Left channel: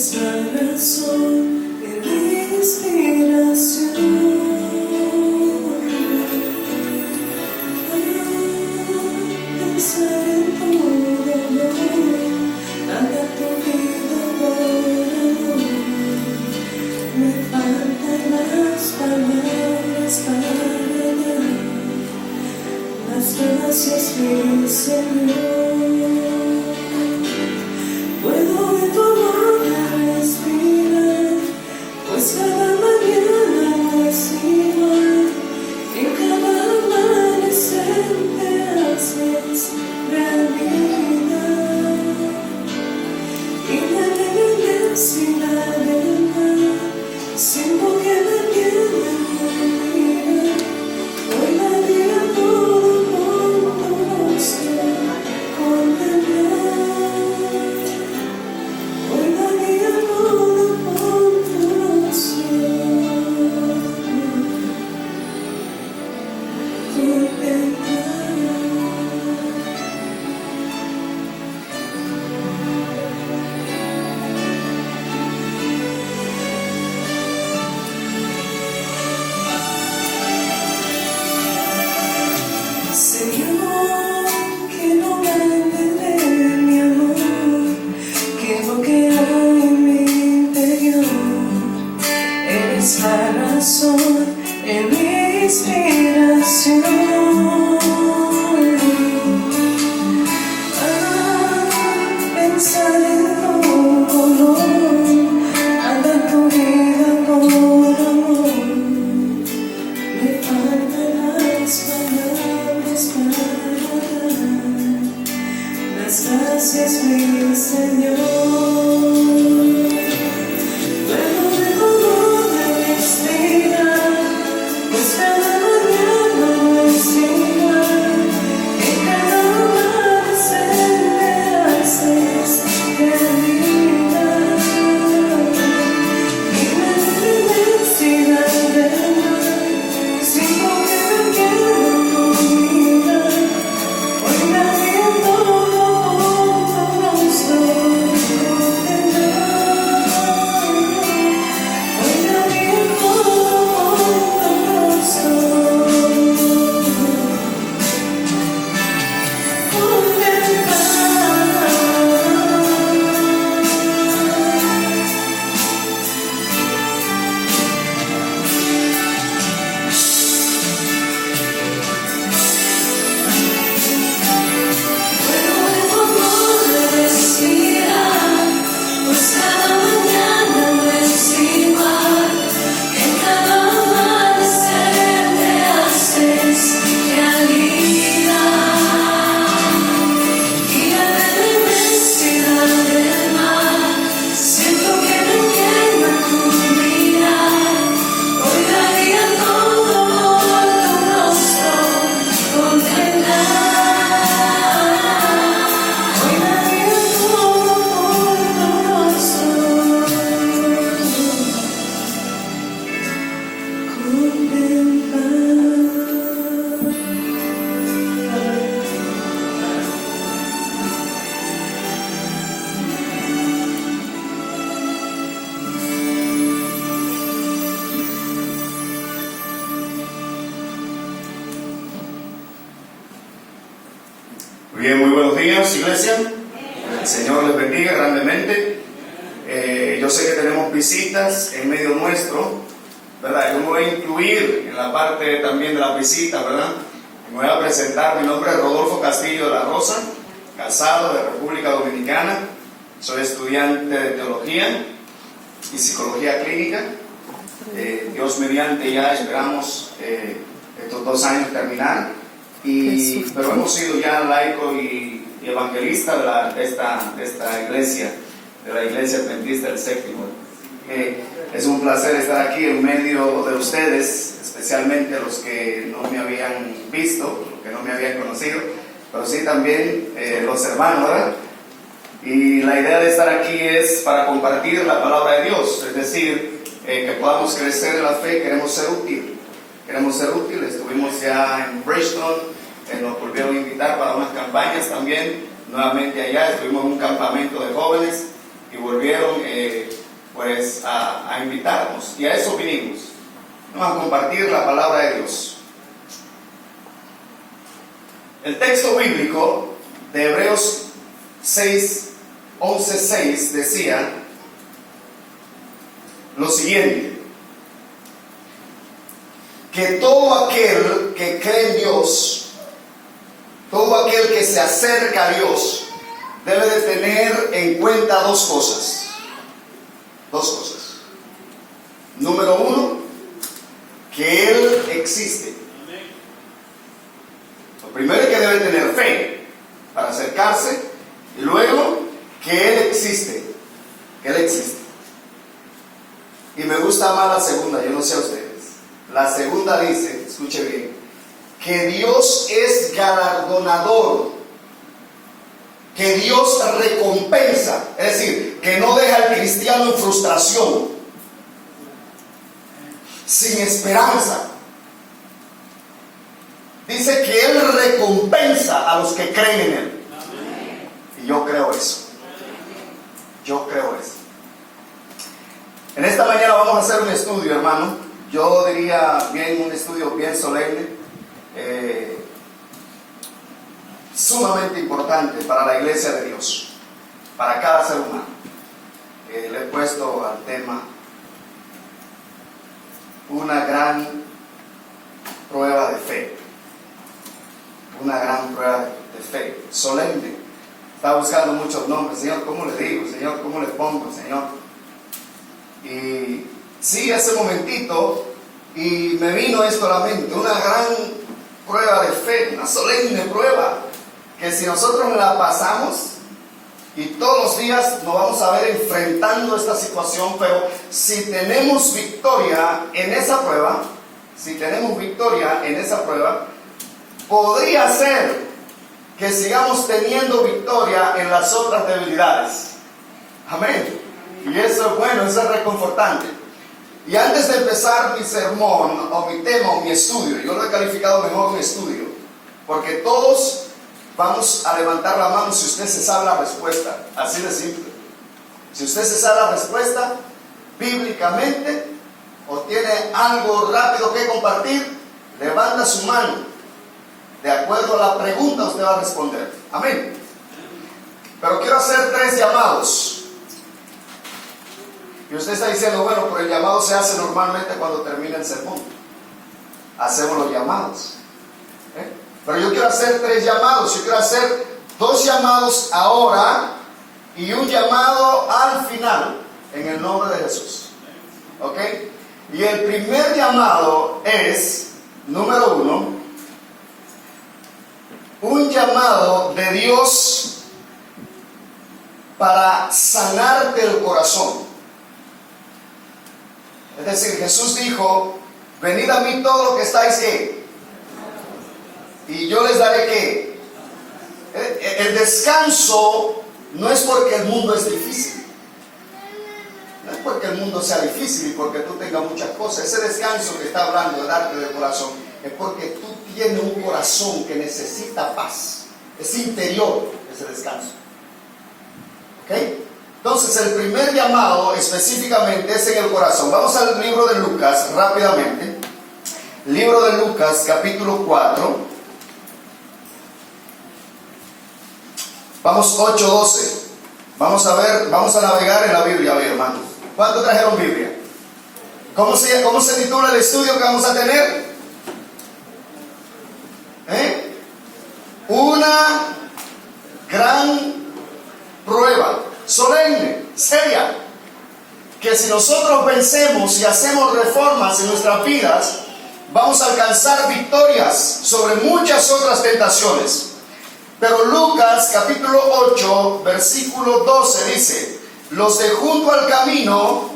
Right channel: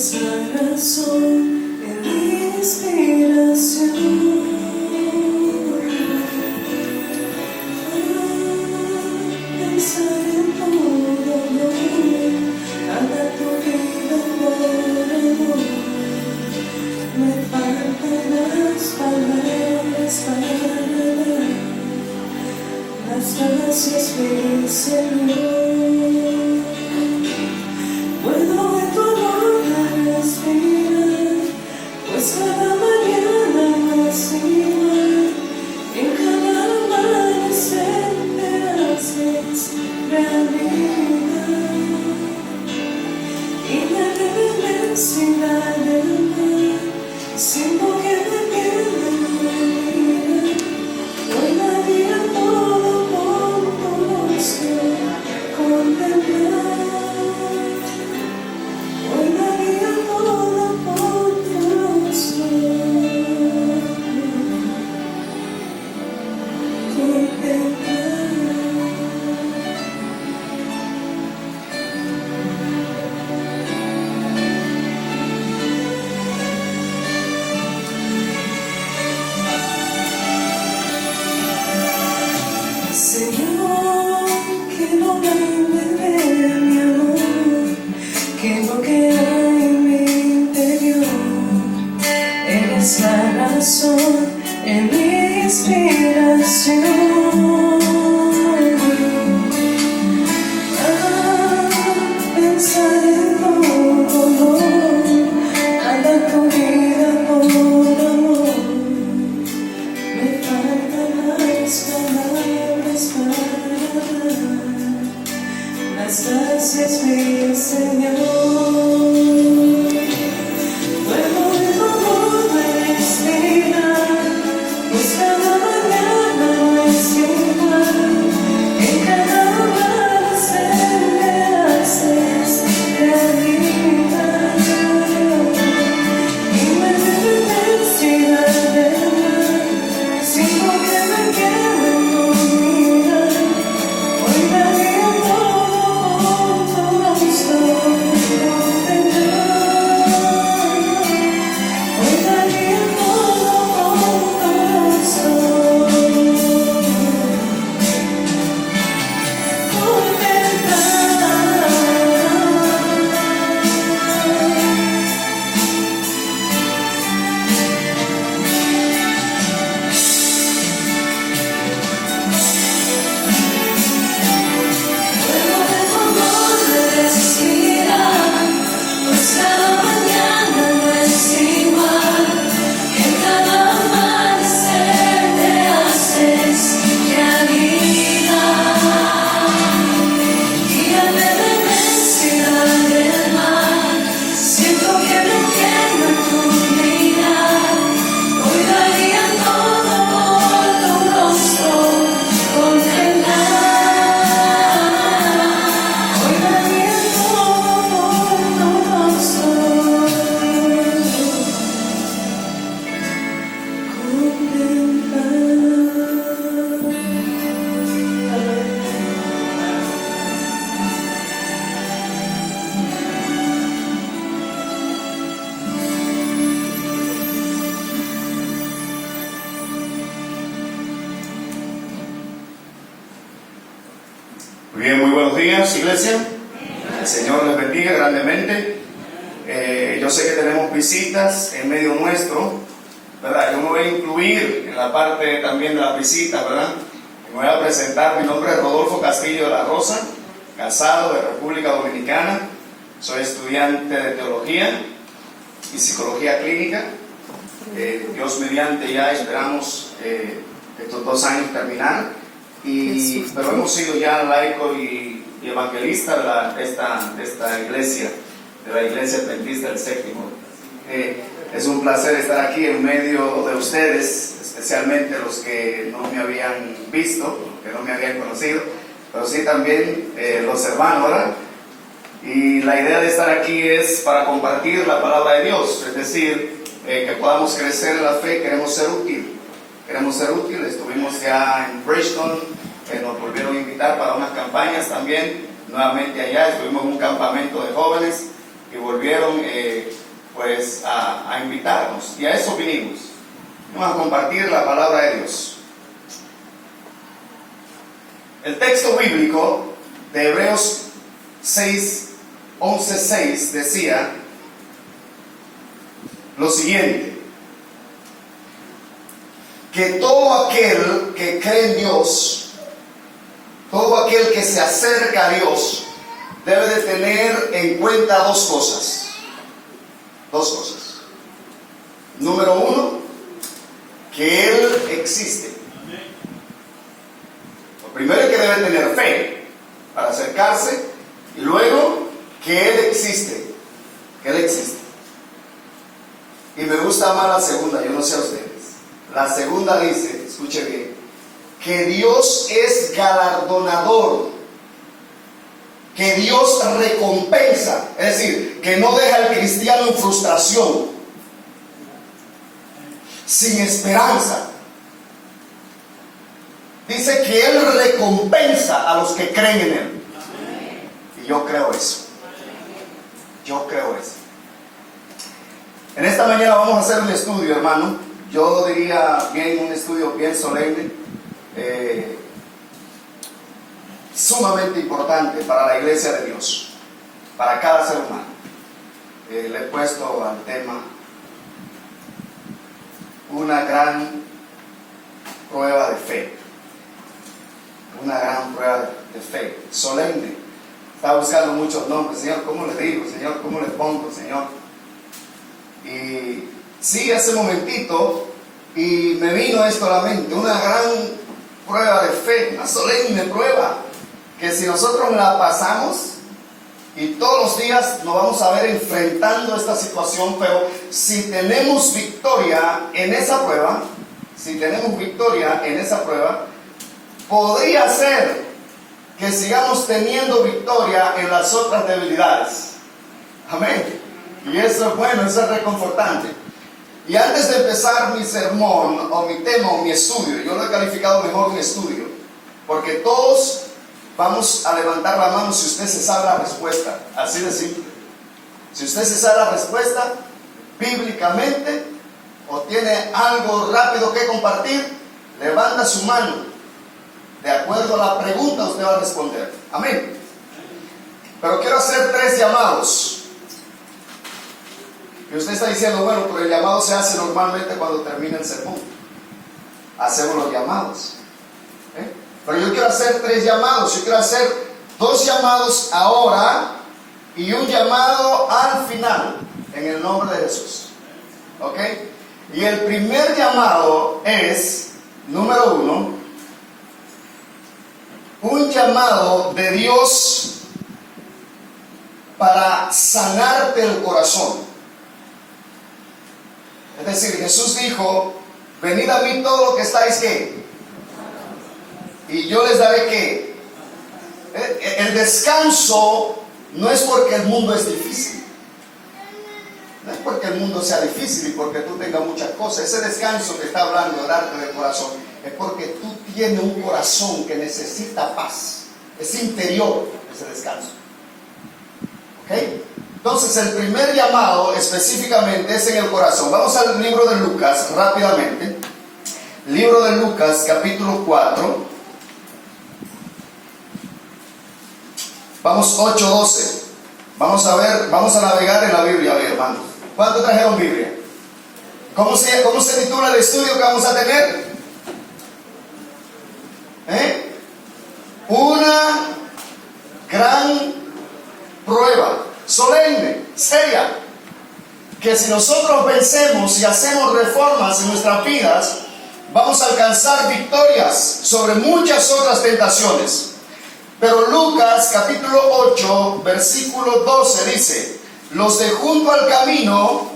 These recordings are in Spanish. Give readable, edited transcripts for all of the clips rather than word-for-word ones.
es la razón de mi inspiración. Pensar en todo amor, anda tu vida por amor. Me faltan las palabras para dar las gracias, mi Señor. Puedo en tu amor respirar, pues cada mañana más igual. En cada amanecer me haces realidad. Y la inmensidad del mar, siento que me pierdo en tu vida. Hoy la vida todo por tu rostro contemplar. Hoy la vida todo por tu rostro contemplar. Señor, que no me envenene mi amor, que no queda en mi interior. Eres la razón en mi inspiración. Pensar en todo amor, anda tu vida por amor. Me faltan las palabras para dar las gracias, mi Señor. Puedo de tu amor respirar, pues cada mañana es igual. En cada amanecer me haces realidad. Y me inmensidad del mar, siento que me pierdo en tu vida. Hoy la vida todo por tu rostro contemplar. Hoy la vida todo por tu rostro Muy bien, muy buenos días, iglesia. El Señor les bendiga grandemente. Yo sé que tenemos visitas en medio nuestro, ¿verdad? Yo me voy a incluir en la parte también de las visitas, ¿verdad? Me voy a presentar. Mi nombre es Rodolfo Castillo de la Rosa, casado de República Dominicana. Soy estudiante de teología y psicología clínica. Dios mediante ya esperamos estos 2 años terminar. Pero hemos sido ya laico y evangelista de esta iglesia, de la Iglesia Adventista del Séptimo. Es un placer estar aquí en medio de ustedes, especialmente los que no me habían visto, los que no me habían conocido, pero sí también los hermanos, ¿verdad? Y la idea de estar aquí es para compartir la palabra de Dios, es decir, que podamos crecer en la fe. Queremos ser útiles. Estuvimos ya en Bridgestone, nos volvieron a invitar para unas campañas también, nuevamente allá. Estuvimos en un campamento de jóvenes y volvieron pues a invitarnos, y a eso vinimos, ¿no? A compartir la palabra de Dios. El texto bíblico de Hebreos 11:6 decía lo siguiente: que todo aquel que cree en Dios, todo aquel que se acerca a Dios, debe de tener en cuenta dos cosas. Número uno, que Él existe. Lo primero es que debe tener fe para acercarse, y luego que Él existe. Y me gusta más la segunda, yo no sé a ustedes. La segunda dice, escuche bien, que Dios es galardonador, que Dios recompensa, es decir, que no deja al cristiano en frustración, sin esperanza. Dice que Él recompensa a los que creen en Él. Y yo creo eso. En esta mañana vamos a hacer un estudio, hermano. Yo diría bien, un estudio bien solemne, sumamente importante para la iglesia de Dios, para cada ser humano. Le he puesto al tema una gran prueba de fe. Una gran prueba de fe, solemne. Estaba buscando muchos nombres. Señor, ¿cómo le digo? Señor, ¿cómo le pongo? Señor. Y sí, ese momentito, y me vino esto a la mente, una gran prueba de fe, una solemne prueba, que si nosotros la pasamos, y todos los días nos vamos a ver enfrentando esta situación, pero si tenemos victoria en esa prueba, podría ser que sigamos teniendo victoria en las otras debilidades. Amén. Y eso es bueno, eso es reconfortante. Y antes de empezar mi sermón, o mi tema, o mi estudio, yo lo he calificado mejor un estudio, porque todos vamos a levantar la mano si usted se sabe la respuesta, así de simple. Si usted se sabe la respuesta bíblicamente, o tiene algo rápido que compartir, levanta su mano. De acuerdo a la pregunta usted va a responder. Amén. Pero quiero hacer 3 llamados. Y usted está diciendo, bueno, pero el llamado se hace normalmente cuando termina el sermón. Hacemos los llamados. Pero yo quiero hacer 3 llamados. Yo quiero hacer 2 llamados ahora y un llamado al final, en el nombre de Jesús. ¿Ok? Y el primer llamado es, número 1, un llamado de Dios para sanarte el corazón. Es decir, Jesús dijo, venid a mí todos los que estáis, ¿qué? Y yo les daré, ¿qué? El descanso no es porque el mundo es difícil. No es porque el mundo sea difícil y porque tú tengas muchas cosas. Ese descanso que está hablando de darte del corazón es porque tú tienes un corazón que necesita paz. Es interior ese descanso. ¿Ok? Entonces el primer llamado específicamente es en el corazón. Vamos al libro de Lucas rápidamente. Libro de Lucas, capítulo 4. Vamos 8:12. Vamos a ver, vamos a navegar en la Biblia hoy, hermano. ¿Cuántos trajeron Biblia? ¿Cómo se titula el estudio que vamos a tener? Una gran prueba, solemne, seria, que si nosotros vencemos y hacemos reformas en nuestras vidas, vamos a alcanzar victorias sobre muchas otras tentaciones. Pero Lucas capítulo 8 versículo 12 dice: los de junto al camino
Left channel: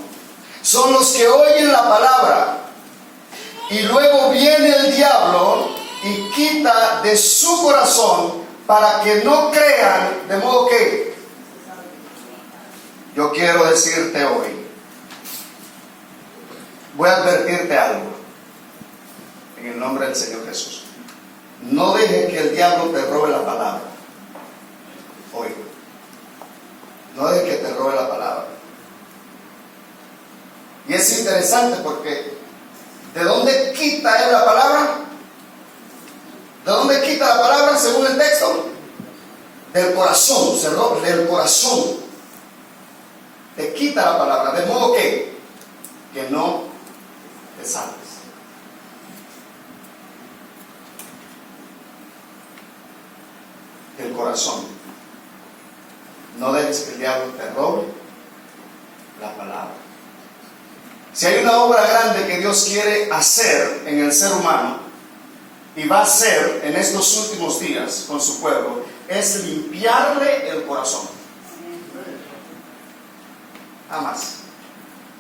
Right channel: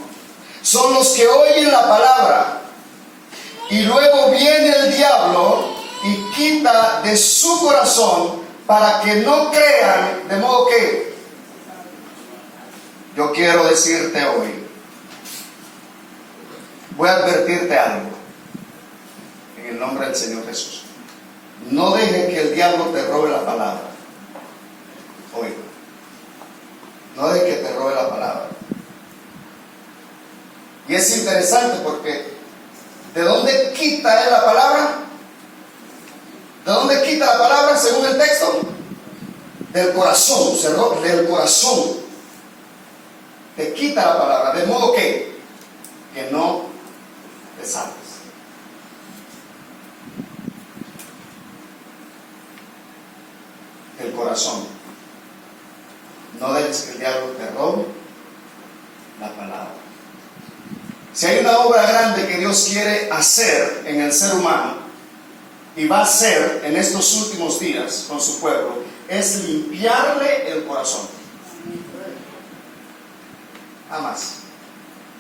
son los que oyen la palabra, y luego viene el diablo y quita de su corazón para que no crean, de modo que yo quiero decirte hoy, voy a advertirte algo en el nombre del Señor Jesús. No deje que el diablo te robe la palabra hoy. No deje que te robe la palabra. Y es interesante porque ¿de dónde quita él la palabra? ¿De dónde quita la palabra según el texto? Del corazón, se roba del corazón. Te quita la palabra, de modo que no te salves. Del corazón. No dejes que el diablo te robe la palabra. Si hay una obra grande que Dios quiere hacer en el ser humano y va a hacer en estos últimos días con su pueblo, es limpiarle el corazón. Nada más.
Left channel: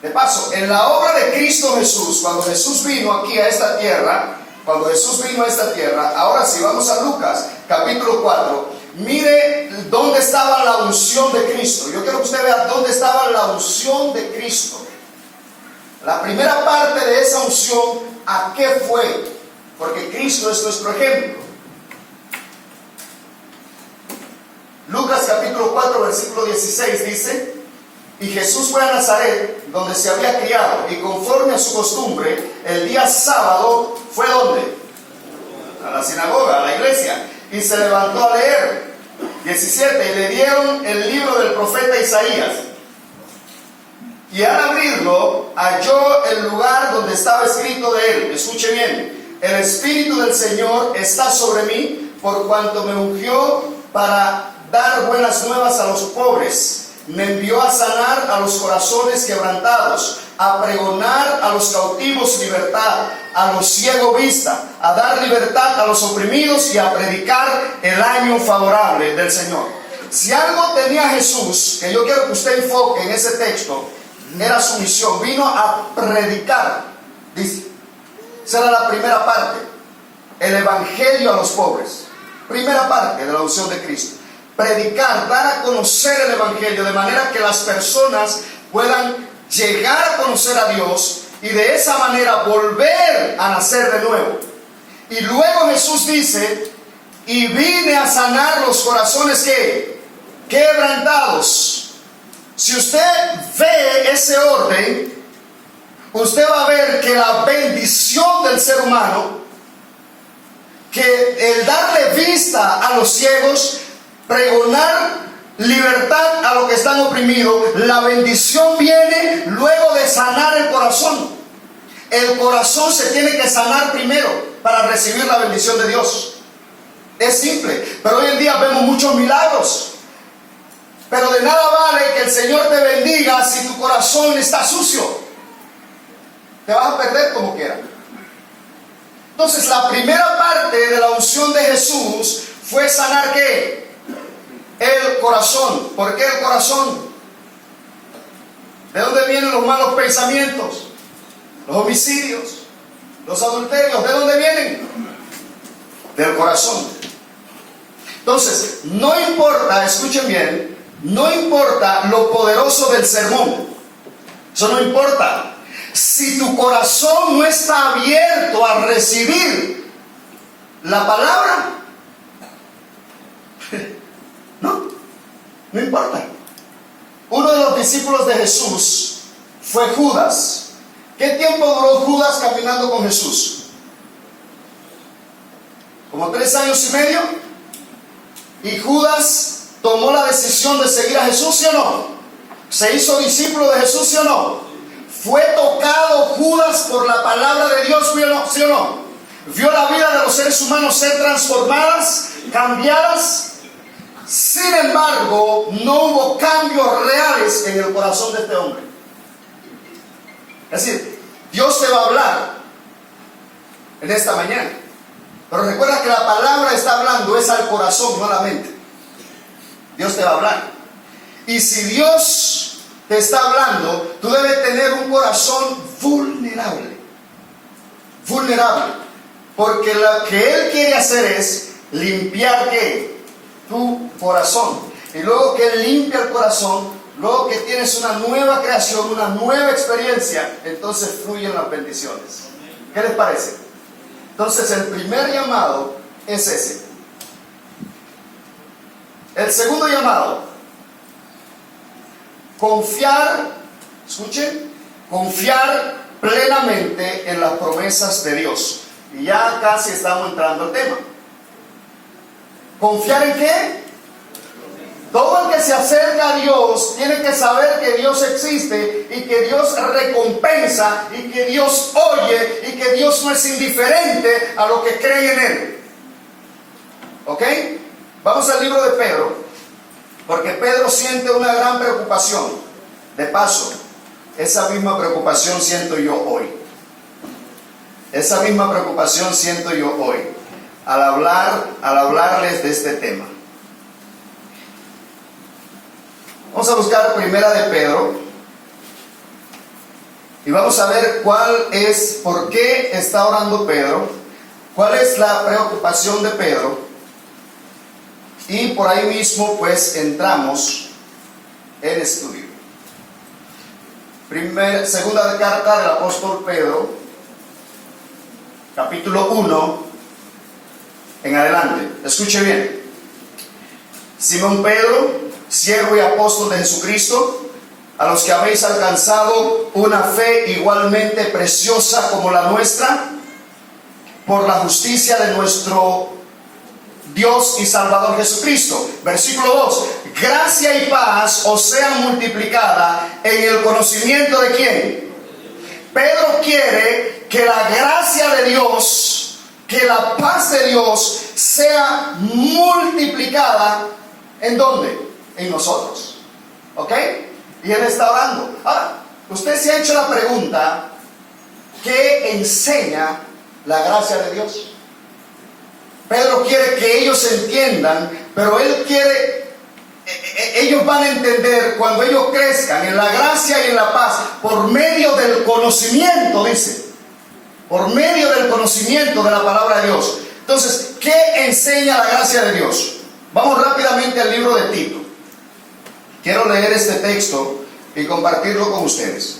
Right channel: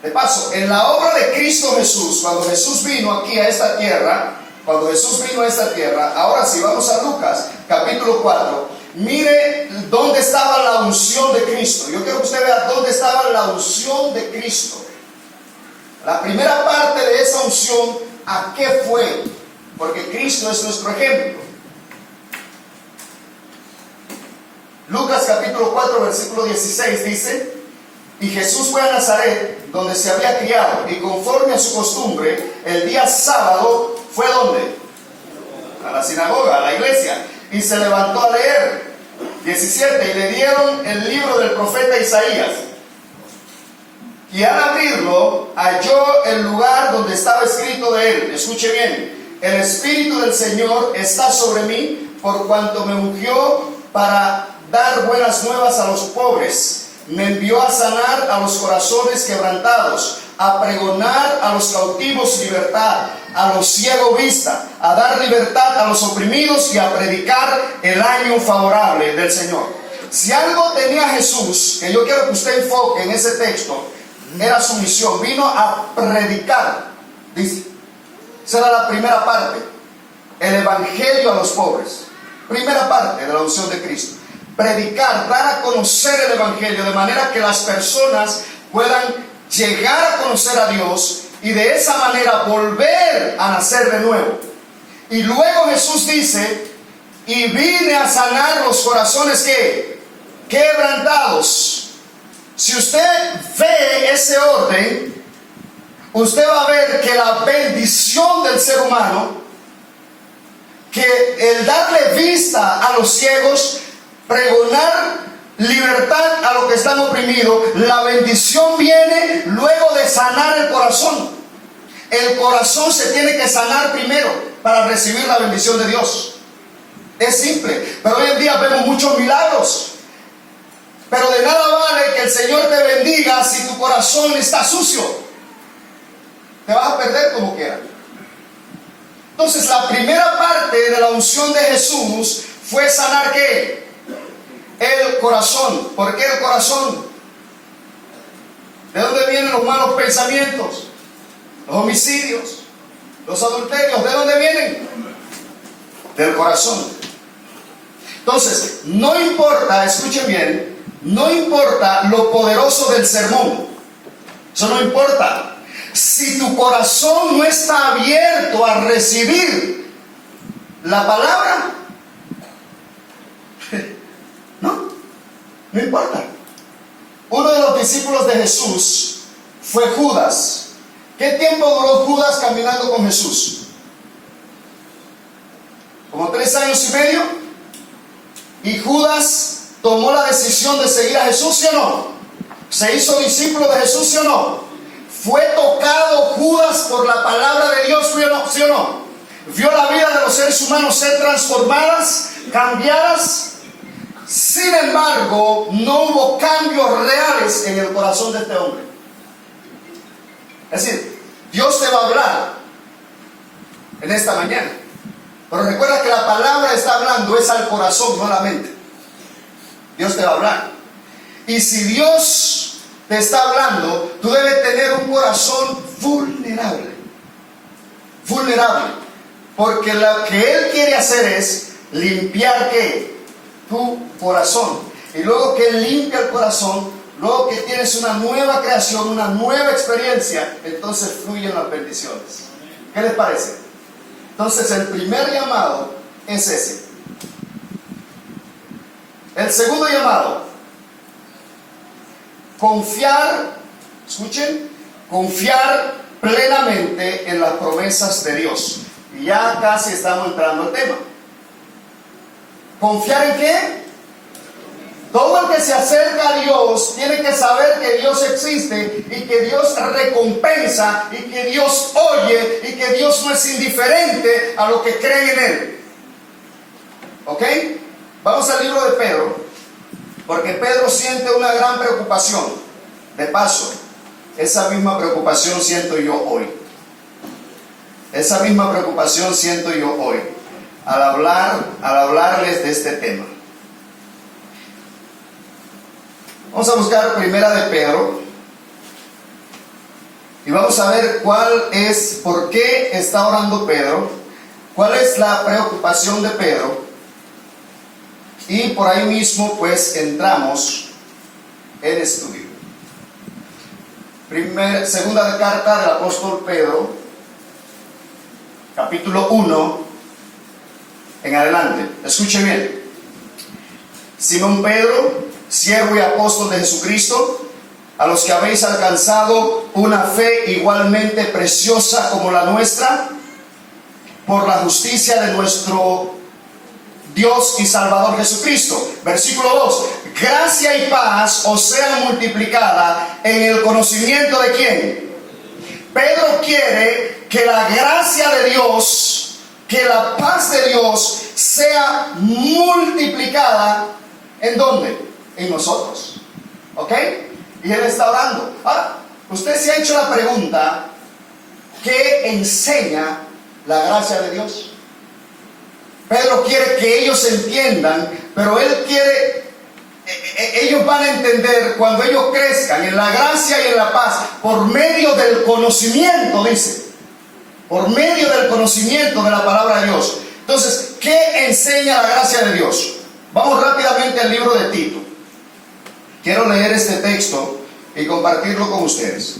De paso, en la obra de Cristo Jesús, cuando Jesús vino aquí a esta tierra, ahora sí, vamos a Lucas, capítulo 4, mire dónde estaba la unción de Cristo. Yo quiero que usted vea dónde estaba la unción de Cristo. La primera parte de esa unción, ¿a qué fue? Porque Cristo es nuestro ejemplo. Lucas capítulo 4, versículo 16 dice: y Jesús fue a Nazaret, donde se había criado, y conforme a su costumbre, el día sábado, ¿fue dónde? A la sinagoga, a la iglesia, y se levantó a leer. 17, y le dieron el libro del profeta Isaías. Y al abrirlo, halló el lugar donde estaba escrito de él. Escuche bien: el Espíritu del Señor está sobre mí, por cuanto me ungió para dar buenas nuevas a los pobres. Me envió a sanar a los corazones quebrantados, a pregonar a los cautivos libertad, a los ciegos vista, a dar libertad a los oprimidos y a predicar el año favorable del Señor. Si algo tenía Jesús, que yo quiero que usted enfoque en ese texto, era su misión. Vino a predicar, dice. Esa era la primera parte, el evangelio a los pobres. Primera parte de la unción de Cristo: predicar, dar a conocer el evangelio, de manera que las personas puedan llegar a conocer a Dios y de esa manera volver a nacer de nuevo. Y luego Jesús dice: y vine a sanar los corazones que quebrantados. Si usted ve ese orden, usted va a ver que la bendición del ser humano, que el darle vista a los ciegos, pregonar libertad a los que están oprimidos, la bendición viene luego de sanar el corazón. El corazón se tiene que sanar primero para recibir la bendición de Dios. Es simple, pero hoy en día vemos muchos milagros. Pero de nada vale que el Señor te bendiga si tu corazón está sucio. Te vas a perder como quiera. Entonces, la primera parte de la unción de Jesús fue sanar ¿qué? El corazón. ¿Por qué el corazón? ¿De dónde vienen los malos pensamientos? Los homicidios, los adulterios, ¿de dónde vienen? Del corazón. Entonces, no importa, escuchen bien, no importa lo poderoso del sermón. Eso no importa. Si tu corazón no está abierto a recibir la palabra, no importa. Uno de los discípulos de Jesús fue Judas. ¿Qué tiempo duró Judas caminando con Jesús? Como 3 años y medio. Y Judas tomó la decisión de seguir a Jesús, ¿sí o no? Se hizo discípulo de Jesús, ¿sí o no? Fue tocado Judas por la palabra de Dios, ¿sí o no? Vio la vida de los seres humanos ser transformadas, cambiadas. Sin embargo, no hubo cambios reales en el corazón de este hombre. Es decir, Dios te va a hablar en esta mañana. Pero recuerda que la palabra está hablando es al corazón, no a la mente. Dios te va a hablar. Y si Dios te está hablando, tú debes tener un corazón vulnerable. Vulnerable. Porque lo que Él quiere hacer es limpiar ¿qué? Tu corazón. Y luego que Él limpia el corazón, luego que tienes una nueva creación, una nueva experiencia, entonces fluyen las bendiciones. ¿Qué les parece? Entonces el primer llamado es ese. El segundo llamado confiar, escuchen, confiar plenamente en las promesas de Dios. Y ya casi estamos entrando al tema. ¿Confiar en qué? Todo el que se acerca a Dios tiene que saber que Dios existe y que Dios recompensa y que Dios oye y que Dios no es indiferente a lo que creen en Él. ¿Ok? Vamos al libro de Pedro, porque Pedro siente una gran preocupación. De paso, esa misma preocupación siento yo hoy. Esa misma preocupación siento yo hoy al hablarles de este tema. Vamos a buscar Primera de Pedro y vamos a ver por qué está orando Pedro, cuál es la preocupación de Pedro, y por ahí mismo pues entramos en estudio. Segunda carta del apóstol Pedro, capítulo 1 en adelante. Escuche bien. Simón Pedro, siervo y apóstol de Jesucristo, a los que habéis alcanzado una fe igualmente preciosa como la nuestra, por la justicia de nuestro Dios y Salvador Jesucristo. Versículo 2. Gracia y paz os sean multiplicada en el conocimiento de ¿quién? Pedro quiere que la gracia de Dios, que la paz de Dios sea multiplicada. ¿En dónde? En nosotros. ¿Ok? Y él está orando. Ahora, usted se ha hecho la pregunta: ¿qué enseña la gracia de Dios? Pedro quiere que ellos entiendan, pero él quiere, ellos van a entender cuando ellos crezcan en la gracia y en la paz, por medio del conocimiento, dice, por medio del conocimiento de la palabra de Dios. Entonces, ¿qué enseña la gracia de Dios? Vamos rápidamente al libro de Tito. Quiero leer este texto y compartirlo con ustedes.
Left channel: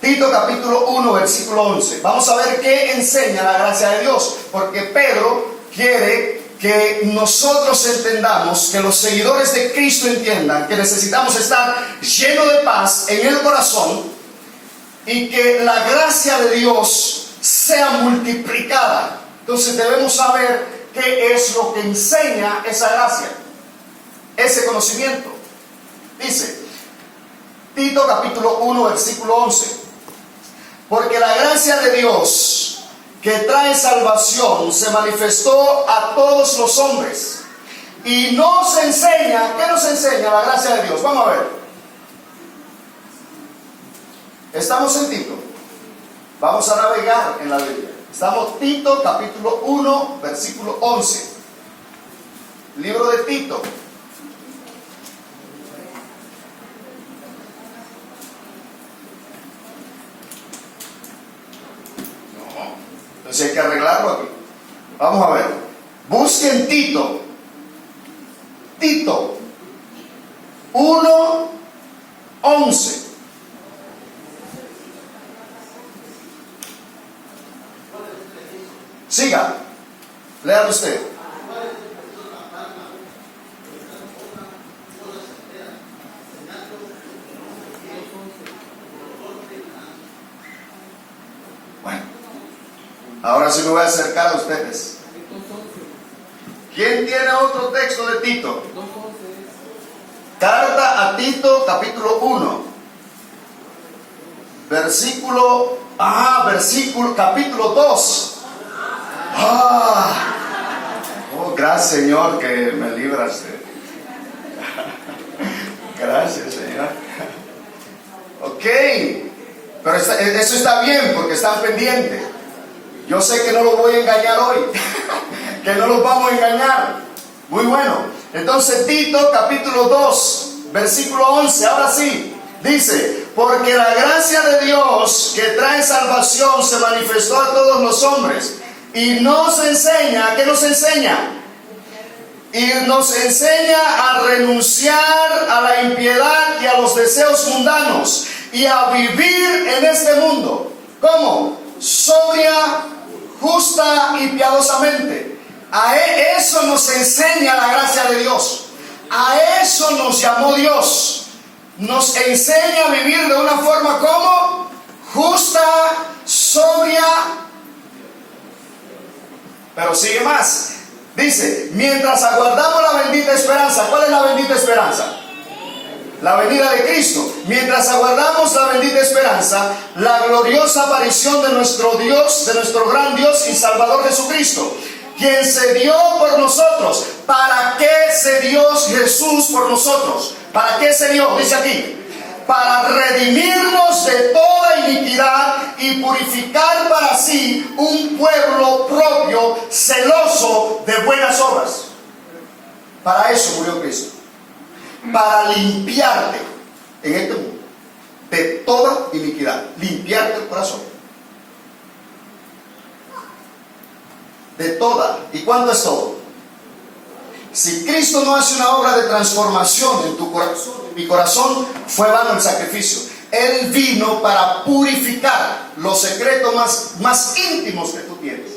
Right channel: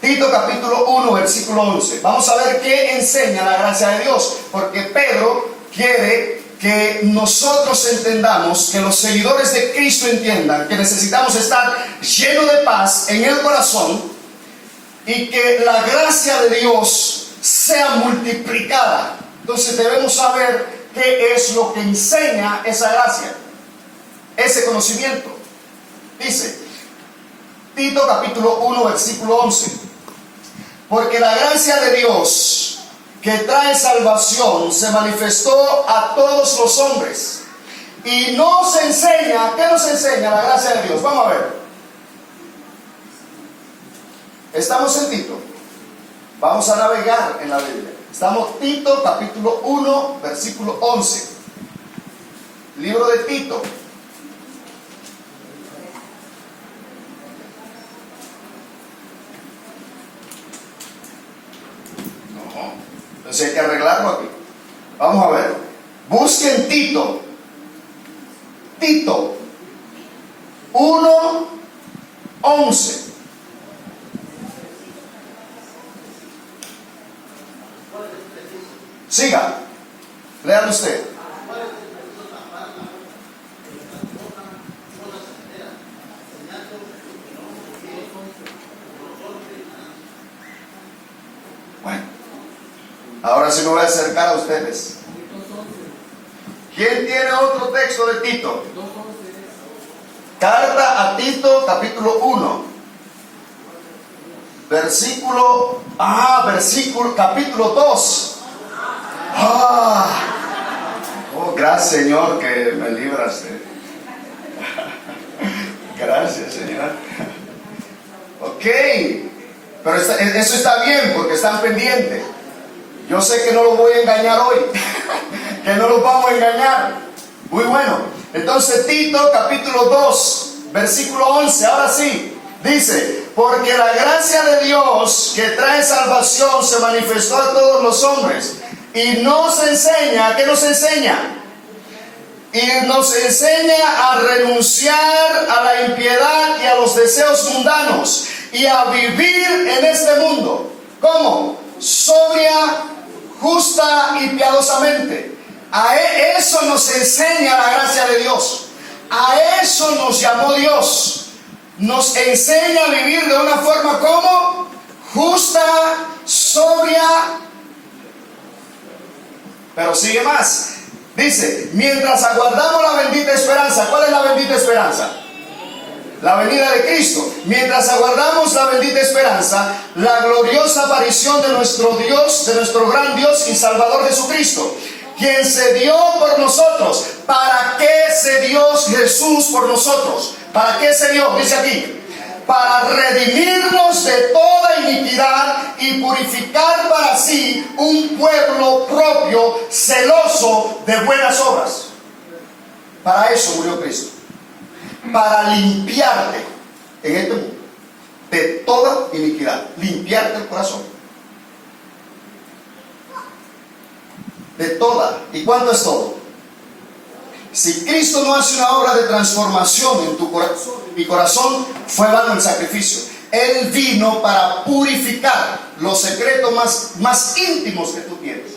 Tito capítulo 1 versículo 11. Vamos a ver qué enseña la gracia de Dios, porque Pedro quiere que nosotros entendamos, que los seguidores de Cristo entiendan que necesitamos estar llenos de paz en el corazón y que la gracia de Dios sea multiplicada. Entonces debemos saber qué es lo que enseña esa gracia, ese conocimiento. Dice Tito capítulo 1 versículo 11: porque la gracia de Dios que trae salvación se manifestó a todos los hombres y nos enseña. ¿Qué nos enseña la gracia de Dios? Vamos a ver. Estamos en Tito. Vamos a navegar en la Biblia. Estamos Tito capítulo 1 versículo 11. Libro de Tito. Entonces hay que arreglarlo aquí. Vamos a ver. Busquen Tito. Tito 1:11. Siga. Léalo usted. Bueno. Ahora sí me voy a acercar a ustedes. ¿Quién tiene otro texto de Tito? Carta a Tito, capítulo 1. Capítulo 2. Oh, gracias, Señor, que me libraste. Gracias, Señor. Ok. Pero eso está bien porque están pendientes. Yo sé que no los voy a engañar hoy, que no los vamos a engañar. Muy bueno. Entonces Tito capítulo 2, versículo 11, ahora sí, dice: porque la gracia de Dios que trae salvación se manifestó a todos los hombres y nos enseña, ¿qué nos enseña? Y nos enseña a renunciar a la impiedad y a los deseos mundanos y a vivir en este mundo. ¿Cómo? Sobria, justa y piadosamente. Eso nos enseña la gracia de Dios. A eso nos llamó Dios. Nos enseña a vivir de una forma como justa, sobria. Pero sigue más. Dice, mientras aguardamos la bendita esperanza. ¿Cuál es la bendita esperanza? La venida de Cristo. Mientras aguardamos la bendita esperanza, la gloriosa aparición de nuestro Dios, de nuestro gran Dios y Salvador Jesucristo, quien se dio por nosotros. ¿Para qué se dio Jesús por nosotros? ¿Para qué se dio? Dice aquí, para redimirnos de toda iniquidad y purificar para sí un pueblo propio, celoso de buenas obras. Para eso murió Cristo. Para limpiarte en este mundo de toda iniquidad. Limpiarte el corazón. De toda. ¿Y cuánto es todo? Si Cristo no hace una obra de transformación en tu corazón, en mi corazón, fue vano el sacrificio. Él vino para purificar los secretos más íntimos que tú tienes.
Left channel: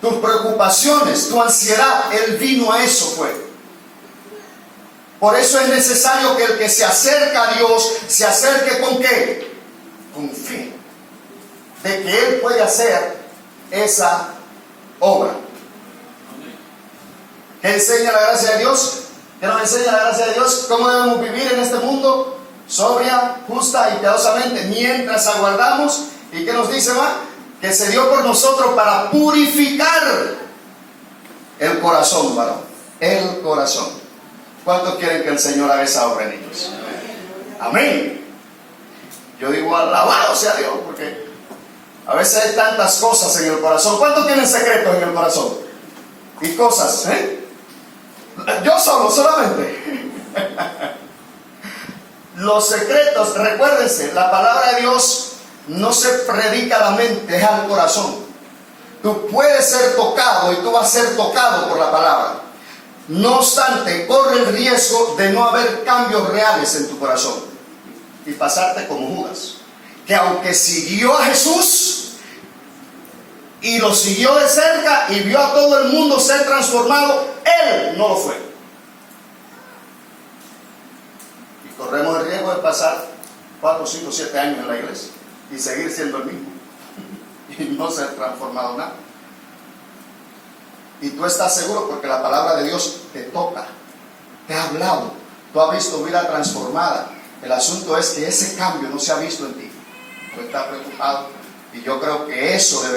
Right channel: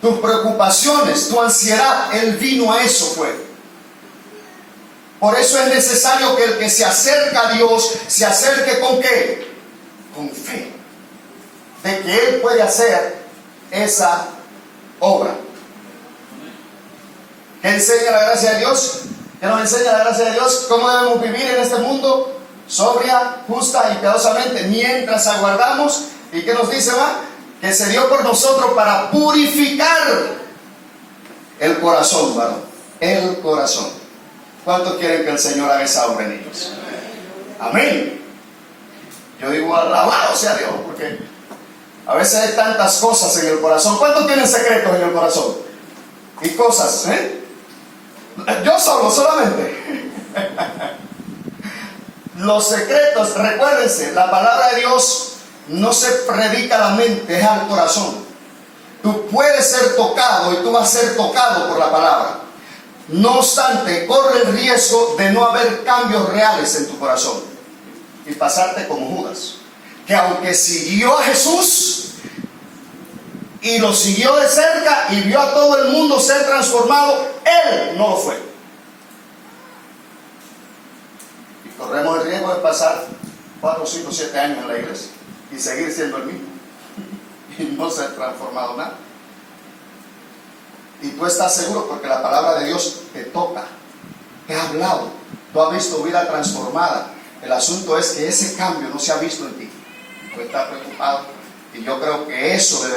Tus preocupaciones, tu ansiedad, Él vino a eso fue. Por eso es necesario que el que se acerca a Dios, se acerque ¿con qué? Con fe. De que Él puede hacer esa obra. ¿Qué enseña la gracia de Dios? ¿Qué nos enseña la gracia de Dios? ¿Cómo debemos vivir en este mundo? Sobria, justa y piadosamente, mientras aguardamos. ¿Y qué nos dice, va? Que se dio por nosotros para purificar el corazón, varón. El corazón. ¿Cuántos quieren que el Señor haga esa obra en ellos? Amén. Yo digo, alabado sea Dios, porque a veces hay tantas cosas en el corazón. ¿Cuántos tienen secretos en el corazón? Y cosas, Yo solamente. Los secretos, recuérdense, la palabra de Dios no se predica a la mente, es al corazón. Tú puedes ser tocado y tú vas a ser tocado por la palabra. No obstante, corre el riesgo de no haber cambios reales en tu corazón y pasarte como Judas, que aunque siguió a Jesús y lo siguió de cerca y vio a todo el mundo ser transformado, él no lo fue. Y corremos el riesgo de pasar 4, 5, 7 años en la iglesia y seguir siendo el mismo y no ser transformado nada. Y tú estás seguro porque la palabra de Dios te toca, te ha hablado, tú has visto vida transformada. El asunto es que ese cambio no se ha visto en ti. Tú estás preocupado y yo creo que eso debe